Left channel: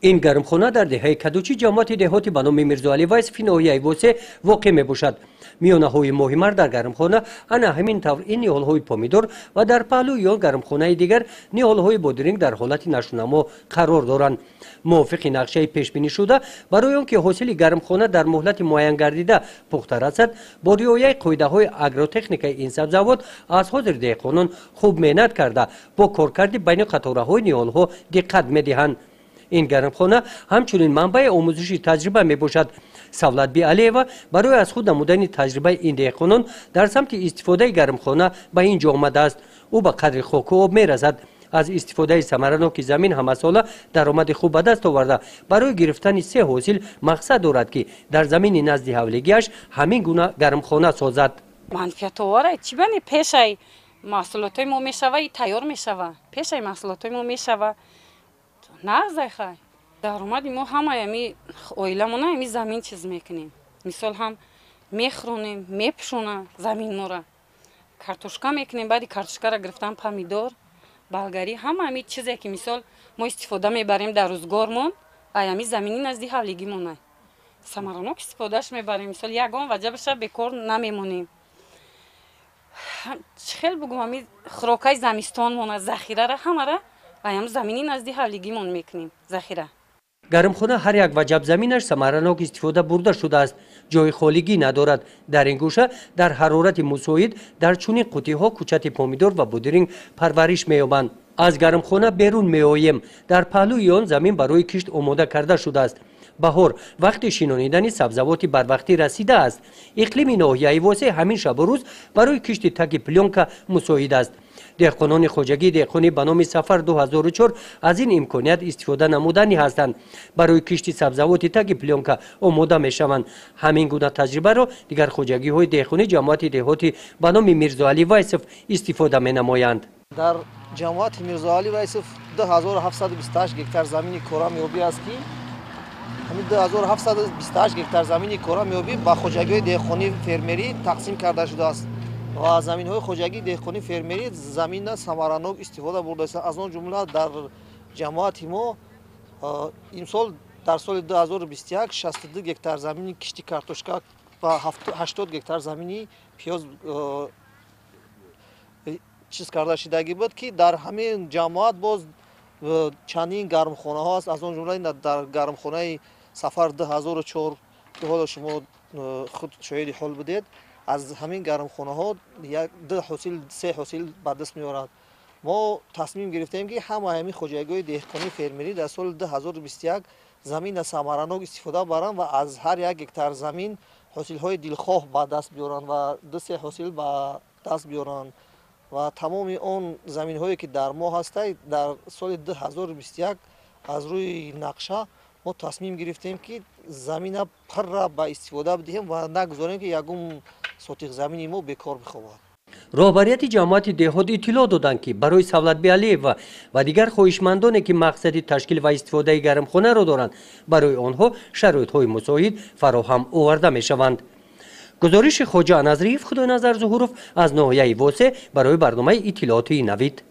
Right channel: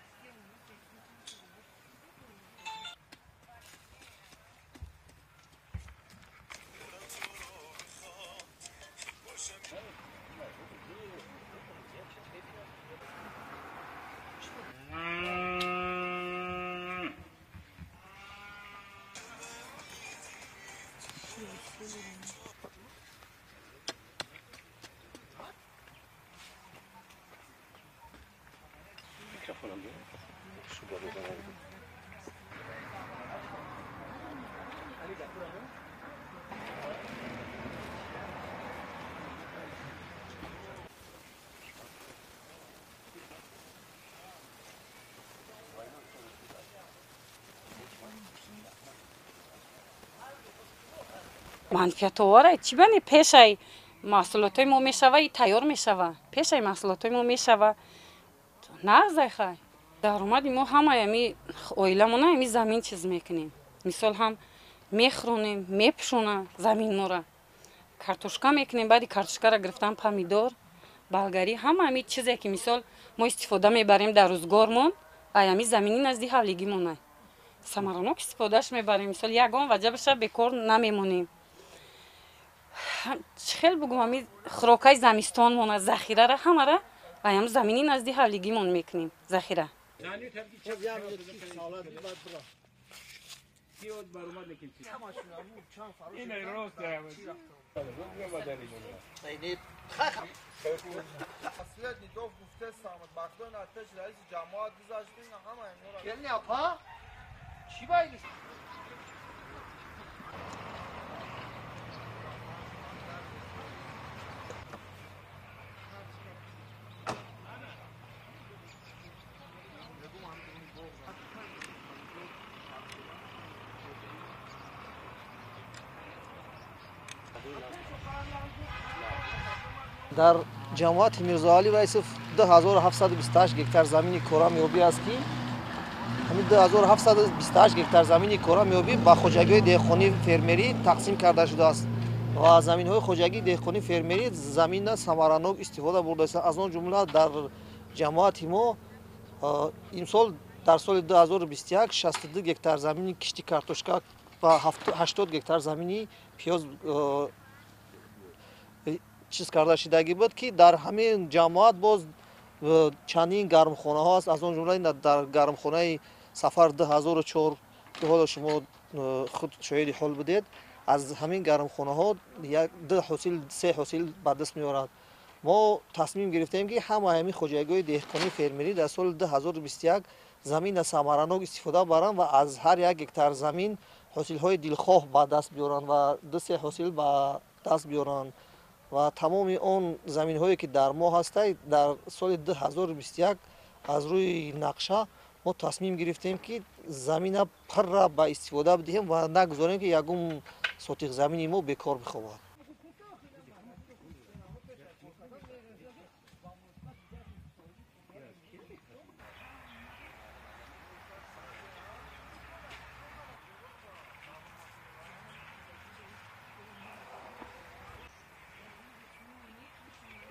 این گرمخانه در دهه کدوچی جماعت دهاتی به نام میرزاعلی وایسفی ناحیه واسه واقع میباشد. میانه‌های مهمتر در گرمخانه انا همین طور این نیال‌های پامیدور و در پهلو یا گرمخانه دیگر نیال‌های بادرنگ در حالت نشونما قرار دارند. موافق نقشه پیش بینی شده برای آنکه حاصل گرمخانه در مهلت معین گردیده پخته رسد با رعایت قاعده‌های آگروتکنیک این سبزوات از حاضر دهقانان خوب محنت کرده با کارکرد بین قطاره‌های نیال‌ها دقت می‌دهند. این گرمخانه همچنین منبع آموزشی تجربه می باشد. سولت بی علیوه برای از خود نمودن تجربه این دهقانان در سمت استفاده گرمخانه به اینجا آمده است. او به قدر خاک و آب می رسد. از استفاده ثمرناک زمین همه ساله درآمد خوب به دست آورده برای گرفتن 3 حاصل مقصد دارد که در زمین نزد حولگیش همین گونه گرمخانه سازد. منفعت آوره چی بنی پیشای محصولات ما میشوه تیار میشوه پیشای محصولات ما میشوه نغزه خواهی درآمد ما همه امی اویلمونه امی زمین چیز میکنیم مثال هم میخرونیم میپشونیم زمین ما را کارتوشکا میکنیم بعد کارتوشکا را گرفتن پامیدور بلگری همه امی چیزی که مثال ما استفاده میبریم در روزگارمون امی زمینی نزدیک حولگی مونه ثمرناک استفادهش میبریم مثال یگان وجه بشه بیکار نمیمونیم خیلی بگم امی خوراکای زمستان مونه ذخیره را همه را ایم زمینی نزدیک حولگیمون میکنیم ذخیره. گرمخانه هر یک وجب زمینش ثمرناک استفاده برده شده است. جای خالیگی ندارد. در این گوشه در حرارت مساعد در چنین قوطی‌ها کوچت پامیدور و بادرنگ پرورش می‌یابند. از گرمخانه بیرون می‌آییم. در پهلوی آن زمین برای کشت آماده کرده شده است. بهار وقت شینانیدن سبزوات بر وقتی رسیده است. اقلیم ناحیه واسه همین شب و روز برای کشت تک پلونکا مساعد است. دهقانان خوجگی دهقانی به نام سفر 2004 از این امکانیت استفاده نمودنی هستند. برای کشت سبزوات تک پلونکا آماده میشوند. همین گونه تجربه را دیگر خوجگی های دهقانی جماعت دهاتی به نام میرزاعلی وایسف استفاده می نمایند. در جماعت میرزاعلی وایسف 2728 گکتار زمین کره میابی است که همین 2728 گکتار زمین کره میابی با خوجگی دهقانی فرمری تقسیم کرده شده است. و زمین های خوجگی دهقانی فرمری زمین ثمرناک استفاده برده است. از آن جمله در جماعت ما امسال در سال 2021 62 گکتار زمین کشتی کارتوشکا و 80 گکتار زمین پیاز چیز کرده شدگی بود که در همین جماعت باز چندین گرمخانه ها است. از آن جمله در گرمخانه سفر 2004 که حالا شما خود شاهد حال بودید از همین گرمخانه ها 3 حاصل به دست می‌آورد. ما تصمیم گرفتیم که همه همین خوجگی‌های دهقانی فرمری در سال 2021 زمین ثمرناک استفاده برند و از هر یک گکتار زمین حاصل‌های دلخواه به دست بیارند و 2-3 حاصل به دست بیارند و تمام اون زمین‌هایی که در ما هسته در سال 2021 از روی نقشه ما تصمیم گرفتیم که زمین پر را به استفاده بدهیم و نگذاریم که یگم سوتیق زمین ما بیکار بخوابد. رهبریت جماعت دهات اطلاع دادند که برای سولت بی علیوه و دیگر خواهشمندانی که مقصد تشکیل و استفاده گرمخانه را دارند برای آنها شرایط‌های مساعد فراهم آورده می‌شوند. گزارش خواجه نظریف خدای نظر ظهورов از ناحیه واسه برای برنامه اطلاعاتی نوید.